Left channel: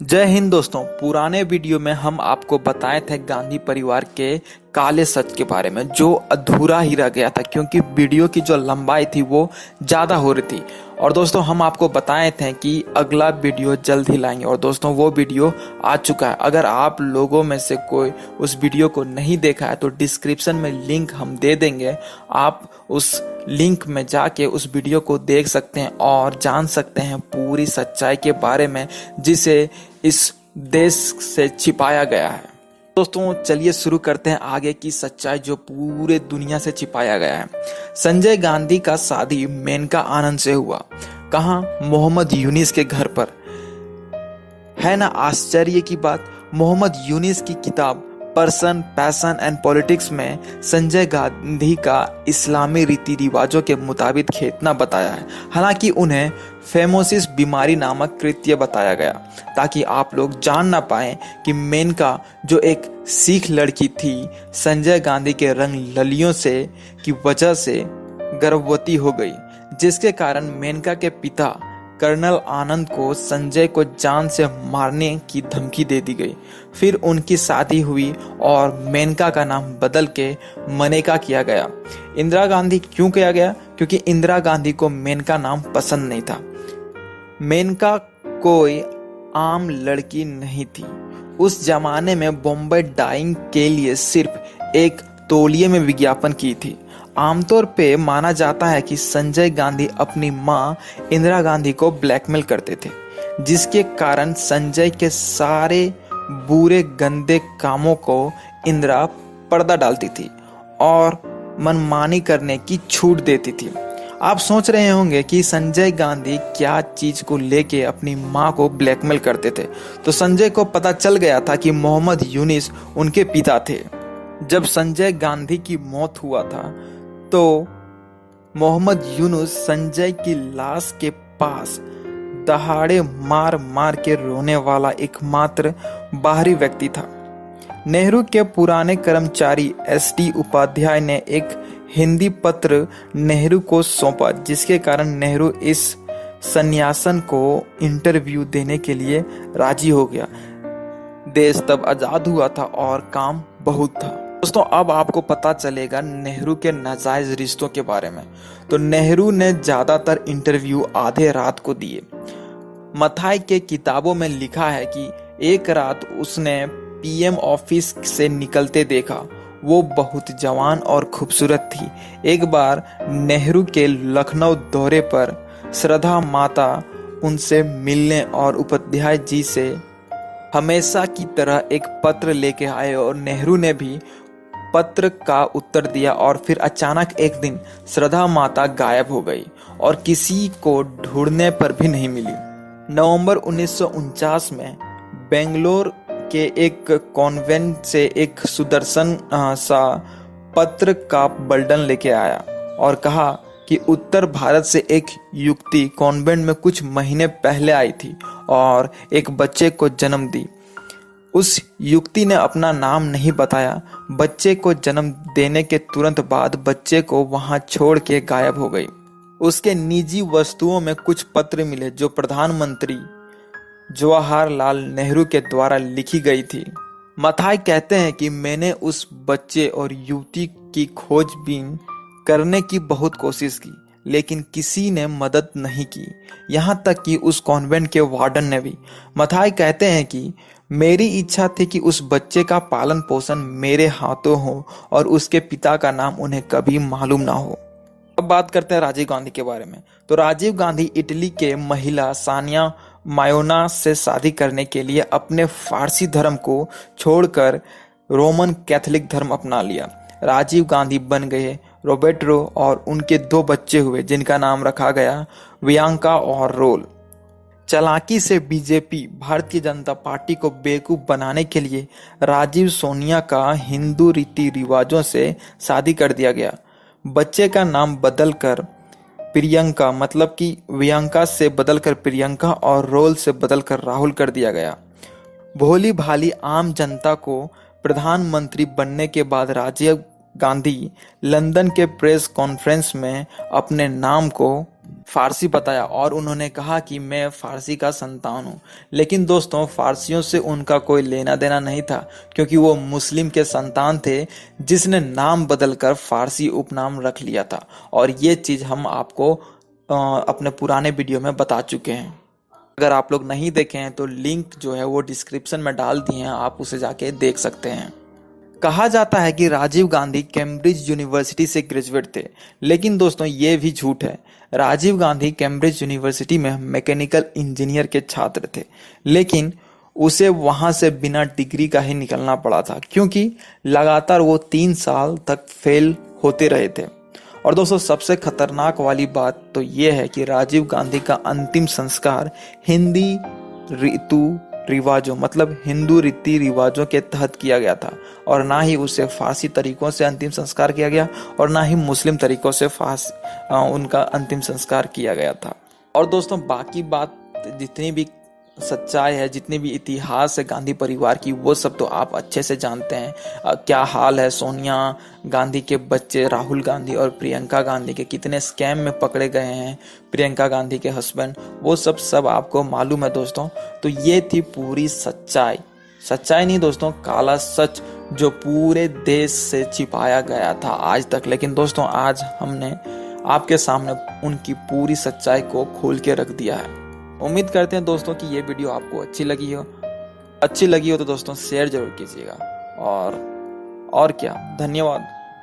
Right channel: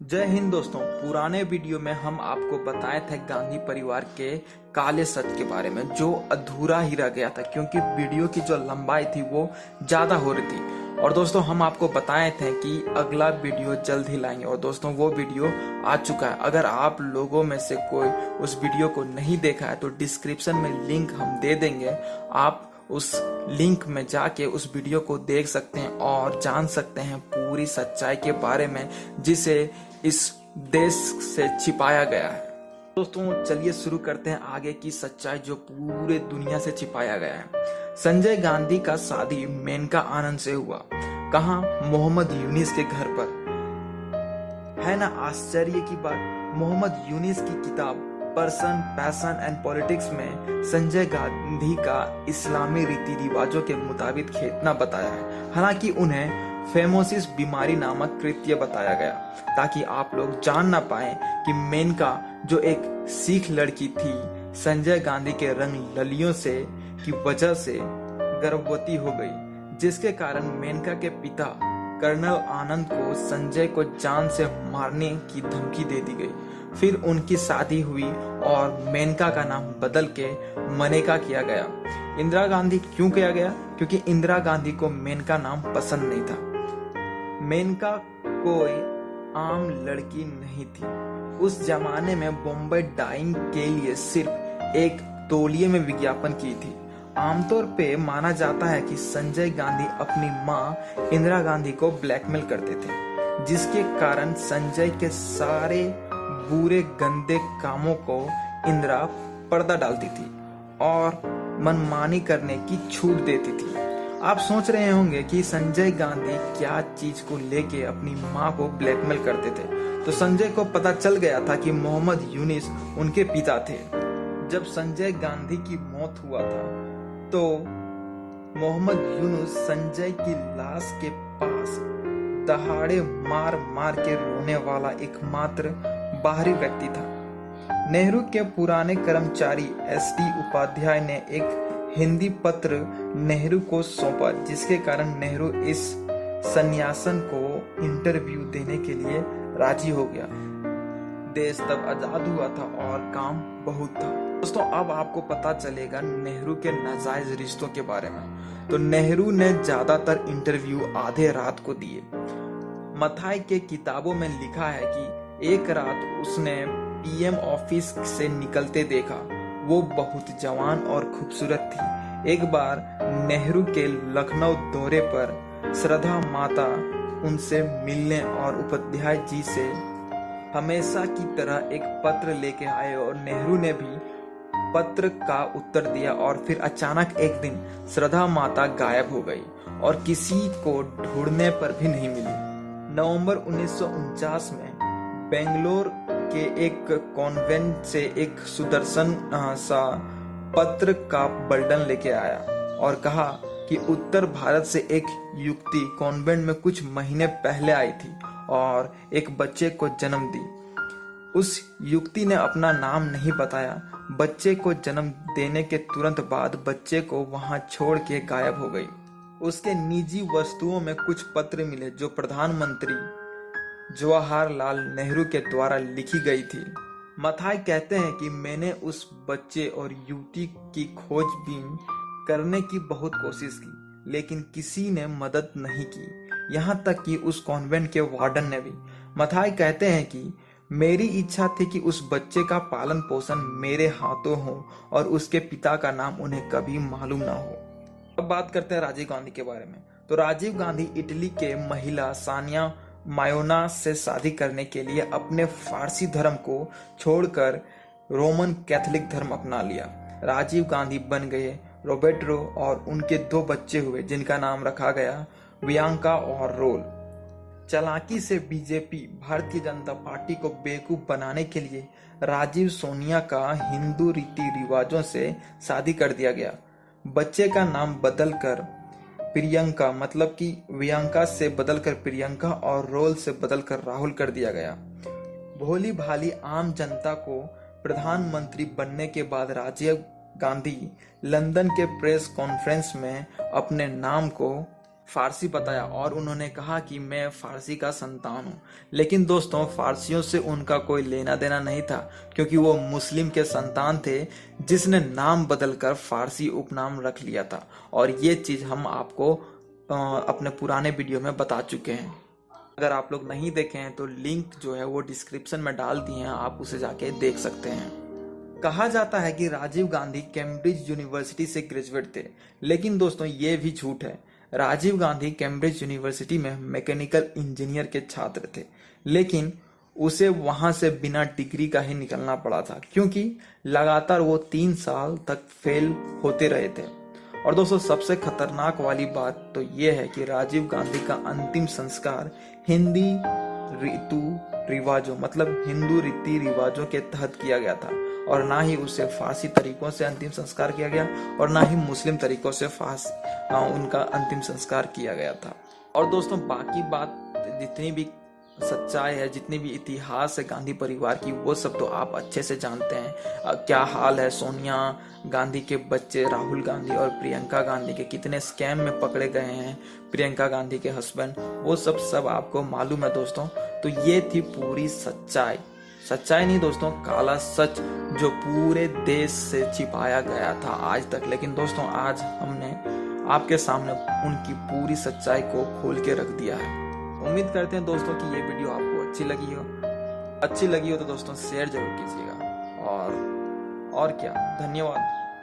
जय हिंद दोस्तों। पुराने वीडियो में हम आपको बताए थे गांधी परिवार के काले सच के बारे में, जो अधूरा ही रह गया था क्योंकि वीडियो की जो लंबाई थी वो ज़्यादा हो रही थी। और दोस्तों हम आपको बताए थे कि अगला वीडियो जल्द ही लाएंगे और दोस्तों वो वीडियो आ चुका है। अगर आप लोगों में से कोई उस वीडियो को नहीं देखा है तो डिस्क्रिप्शन में लिंक हम दे देंगे, आप उस लिंक में जाके उस वीडियो को देख सकते हैं और जान सकते हैं पूरी सच्चाई के बारे में जिसे इस देश से छिपाया गया है। दोस्तों चलिए शुरू करते हैं आगे की सच्चाई जो पूरे दुनिया से छिपाया गया है। संजय गांधी का शादी मेनका आनंद से हुआ। कहाँ? मोहम्मद यूनिस के घर पर। है ना आश्चर्य की बात। मोहम्मद यूनिस की किताब पर्सन पैशन एंड पॉलिटिक्स में संजय गांधी का इस्लामी रीति रिवाजों के मुताबिक खेतना बताया है। हालांकि उन्हें फेमोसिस बीमारी नामक कृत्य बताया गया ताकि आप लोग जान ना पाए कि मेनका जो एक सिख लड़की थी संजय गांधी के रंग ललियों से की वजह से गर्भवती हो गई, जिसके कारण मेनका के पिता कर्नल आनंद को संजय को जान से मारने की धमकी दे दी गई। फिर उनकी शादी हुई और मेनका का नाम बदल के मनेका किया गया। इंदिरा गांधी क्यों किया गया? क्योंकि इंदिरा गांधी को मेनका नाम पसंद नहीं था। मेनका कोई आम लड़की नहीं थी। उस जमाने में बॉम्बे डाइंग के लिए सिर्फ एक तौलिए में विज्ञापन की थी। आमतौर पे माना जाता है कि संजय गांधी अपनी मां इंदिरा गांधी को ब्लैकमेल करते थे, जिसके कारण संजय के सारे बुरे गंदे कामों को इंदिरा पर्दा डालती थी और मनमानी करने की छूट देती थी। आप सोच रहे होंगे कि संजय गांधी क्या चीज को लेके अपनी मां को ब्लैकमेल करते थे। तो संजय को पता चल गया था कि मोहम्मद यूनिस उनके पिता थे। जब संजय गांधी की मौत हुआ था तो मोहम्मद यूनुस संजय की लाश के पास दहाड़े मार मार के रोने वाला एकमात्र बाहरी व्यक्ति था। नेहरू के पुराने कर्मचारी एस.डी. उपाध्याय ने एक हिंदी पत्र नेहरू को सौंपा, जिसके कारण नेहरू इस सन्यासन को इंटरव्यू देने के लिए राजी हो गया। देश तब आजाद हुआ था और काम बहुत था। दोस्तों अब आपको पता चलेगा नेहरू के नाजायज रिश्तों के बारे में। तो नेहरू ने ज्यादातर इंटरव्यू आधे रात को दिए। मथाई के किताबों में लिखा है कि एक रात उसने पीएम ऑफिस से निकलते देखा। वो बहुत जवान और खूबसूरत थी। एक बार नेहरू के लखनऊ दौरे पर श्रद्धा माता उनसे मिलने और उपाध्याय जी से हमेशा की तरह एक पत्र लेके आए और नेहरू ने भी पत्र का उत्तर दिया। और फिर अचानक एक दिन श्रद्धा माता गायब हो गई और किसी को ढूंढने पर भी नहीं मिली। नवंबर 1949 में बेंगलोर के एक कॉन्वेंट से एक सुदर्शन सा पत्र का बंडल लेके आया और कहा कि उत्तर भारत से एक युवती कॉन्वेंट में कुछ महीने पहले आई थी और एक बच्चे को जन्म दी। उस युवती ने अपना नाम नहीं बताया। बच्चे को जन्म देने के तुरंत बाद बच्चे को वहां छोड़ के गायब हो गई। उसके निजी वस्तुओं में कुछ पत्र मिले जो प्रधानमंत्री जवाहरलाल नेहरू के द्वारा लिखी गई थी। मथाई कहते हैं कि मैंने उस बच्चे और युवती की खोजबीन करने की बहुत कोशिश की, लेकिन किसी ने मदद नहीं की, यहाँ तक कि उस कॉन्वेंट के वार्डन ने भी। मथाई कहते हैं कि मेरी इच्छा थी कि उस बच्चे का पालन पोषण मेरे हाथों हो और उसके पिता का नाम उन्हें कभी मालूम ना हो। अब बात करते हैं राजीव गांधी के बारे में। तो राजीव गांधी इटली के महिला सानिया मायोना से शादी करने के लिए अपने फारसी धर्म को छोड़कर रोमन कैथोलिक धर्म अपना लिया। राजीव गांधी बन गए रोबर्टो और उनके 2 बच्चे हुए जिनका नाम रखा गया वियांका और रोल। चालाकी से बीजेपी भारतीय जनता पार्टी को बेवकूफ बनाने के लिए राजीव सोनिया का हिंदू रीति रिवाजों से शादी कर दिया गया। बच्चे का नाम बदलकर प्रियंका मतलब कि वियांका से बदलकर प्रियंका और रोल से बदलकर राहुल कर दिया गया। भोली भाली आम जनता को प्रधानमंत्री बनने के बाद राजीव गांधी लंदन के प्रेस कॉन्फ्रेंस में अपने नाम को फारसी बताया और उन्होंने कहा कि मैं फारसी का संतान हूँ। लेकिन दोस्तों फारसियों से उनका कोई लेना देना नहीं था, क्योंकि वो मुस्लिम के संतान थे जिसने नाम बदलकर फारसी उपनाम रख लिया था। और ये चीज़ हम आपको अपने पुराने वीडियो में बता चुके हैं। अगर आप लोग नहीं देखे हैं तो लिंक जो है वो डिस्क्रिप्शन में डाल दिए हैं, आप उसे जाके देख सकते हैं। कहा जाता है कि राजीव गांधी कैम्ब्रिज यूनिवर्सिटी से ग्रेजुएट थे, लेकिन दोस्तों ये भी झूठ है। राजीव गांधी कैम्ब्रिज यूनिवर्सिटी में मैकेनिकल इंजीनियर के छात्र थे, लेकिन उसे वहां से बिना डिग्री का ही निकलना पड़ा था, क्योंकि लगातार वो 3 साल तक फेल होते रहे थे। और दोस्तों सबसे खतरनाक वाली बात तो ये है कि राजीव गांधी का अंतिम संस्कार हिंदी ऋतु रिवाजों मतलब हिंदू रीति रिवाजों के तहत किया गया था, और ना ही उसे फारसी तरीकों से अंतिम संस्कार किया गया और ना ही मुस्लिम तरीकों से उनका अंतिम संस्कार किया गया था। और दोस्तों बाकी बात जितनी भी सच्चाई है, जितनी भी इतिहास है गांधी परिवार की, वो सब तो आप अच्छे से जानते हैं। क्या हाल है सोनिया गांधी के बच्चे राहुल गांधी और प्रियंका गांधी के, कितने स्कैम में पकड़े गए हैं प्रियंका गांधी के हस्बैंड, वो सब आपको मालूम है दोस्तों। तो ये थी पूरी सच्चाई नहीं दोस्तों, काला सच जो पूरे देश से छिपाया गया था आज तक। लेकिन दोस्तों आज हमने आपके सामने उनकी पूरी सच्चाई को खोल के रख दिया है। उम्मीद करते हैं दोस्तों कि ये वीडियो आपको अच्छी लगी हो तो दोस्तों शेयर जरूर कीजिएगा। और क्या, धन्यवाद।